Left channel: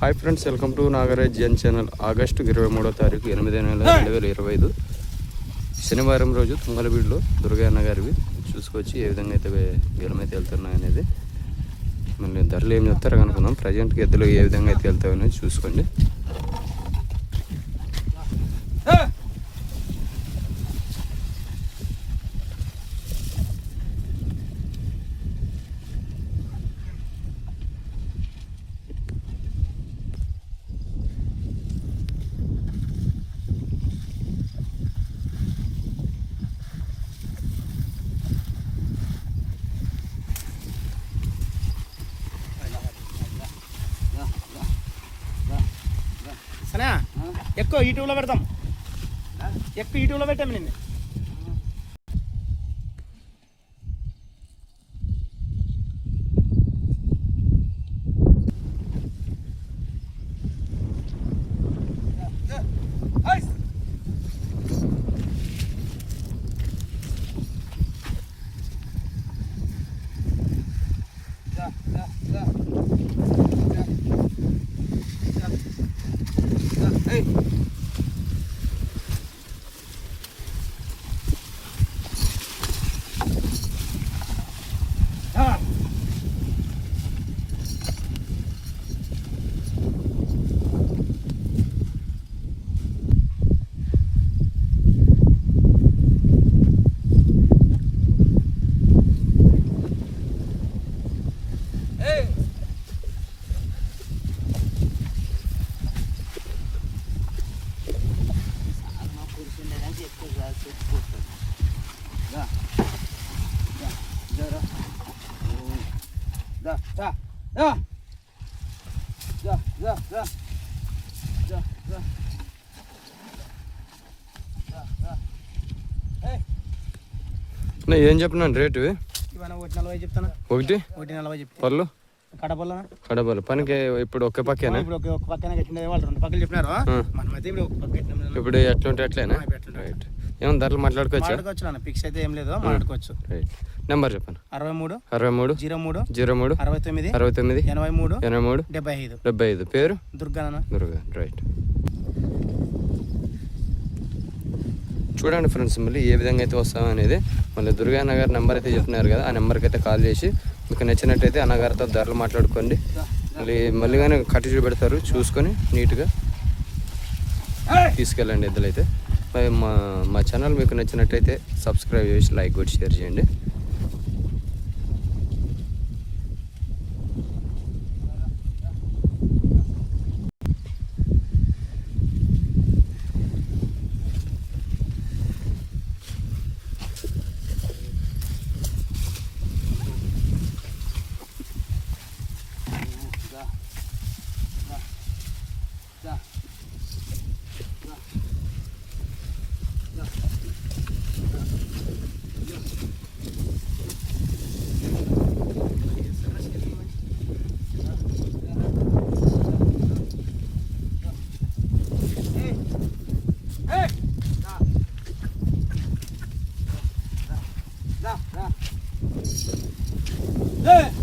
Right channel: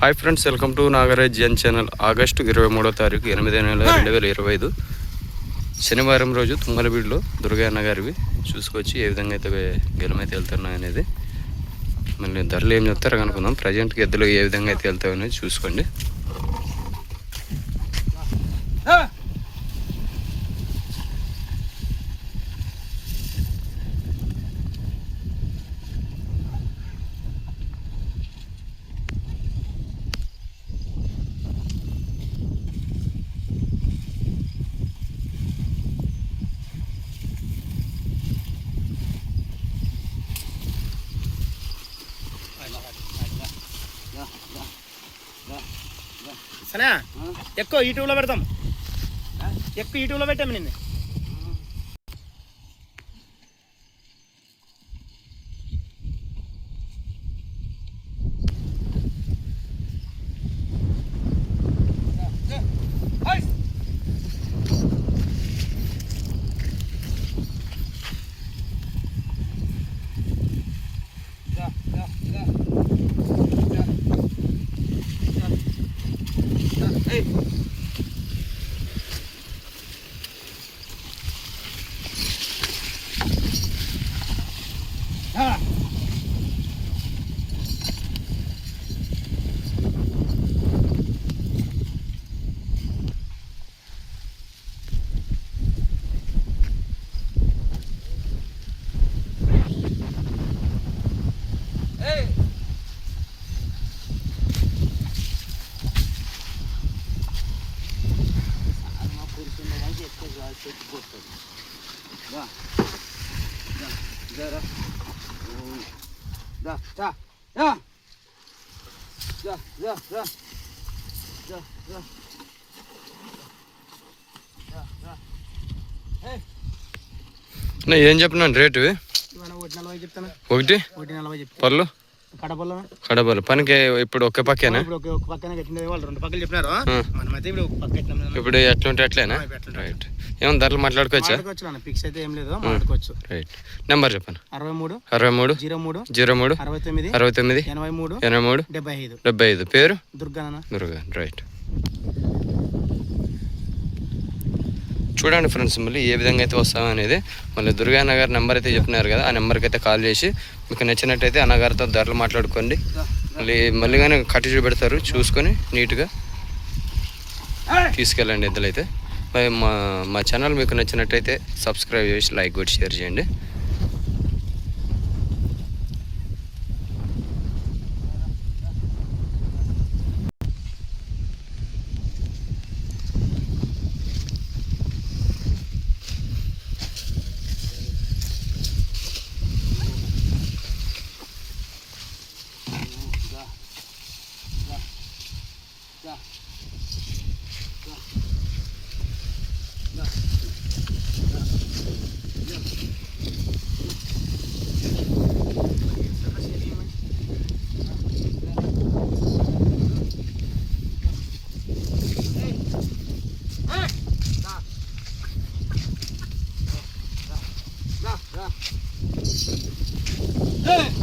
Hi friends welcome to Nagaraj Jan channel August ఇరవై మూడో తారీఖు ఎనిమిదో నెల రెండు వేల ఇరవై ఐదు. శనివారం రోజు తుంగలబీడులో దుర్గయ్య గారివి చూసుకొచ్చి ఏ విధంగా అయితే గెలమైతే వెళ్తున్నాయి అనేది మళ్ళీ ధరలు ఏం చెప్తారో అనుకుందాం ప్రజెంట్కి ఎద్దులు ఏ విధంగా అయితే వెళ్తాయనేది చూసుకోండి. సరే ఎక్కువ యూట్యూబ్లో పెడతాం. ఎక్కువ యూట్యూబ్లో పెట్టాము నిన్ను. Bye. ఏం చెప్పినాను రేటు ఇవాళ ఒకటి నలభై చెప్తాను? ఒకటి? ఒకటి నలభై చెప్తాను పళ్ళు? కడపల్లో కడపలు పనికి ఇప్పుడు ఒక్క పక్కేనా? ఇప్పుడు ఒక ఒక పక్కన ఇప్పుడు ఎట్లుంటే అట్లేనా? రైట్. ఏమన్నా ధరలు మాట్లాడుకోవచ్చా? ఫిక్స్ అయితే ఏం లేదు. మాట్లాడుకోవచ్చు. రైట్. నెంబర్ చెప్పండి. అరవై మూడు అరవై మూడు జీరో మూడు జీరో మూడు అరవై తొమ్మిది అరవై తొమ్మిది ఎనభై మూడు ఎనభై మూడు డెబ్బై ఐదు. డెబ్బై ఐదు. పేరు? దుర్గా మురుగా రైట్. చూడండి ఫ్రెండ్స్ మళ్ళీ ఏ విధంగా అయితే వస్తాం అనేది. మళ్ళీ దుర్గా నగర్ నెంబర్ అయితే చెప్పినారు కదా ఆ నెంబర్కి అయితే కాల్ చేసి మీకు నచ్చినట్టయితే అన్నగారితో ధరలు మాట్లాడుకోండి. మళ్ళీ మళ్ళీ కానీ కట్టి చూపెడతారు చూసుకొని నీట్గా తీసుకెళ్ళండి ఎద్దులైతే మరి మా మా ఛానల్ మీకు నచ్చినట్టయితే సబ్స్క్రైబ్ చేసి లైక్ కూడా షేర్ చేయండి Yeah. Hey!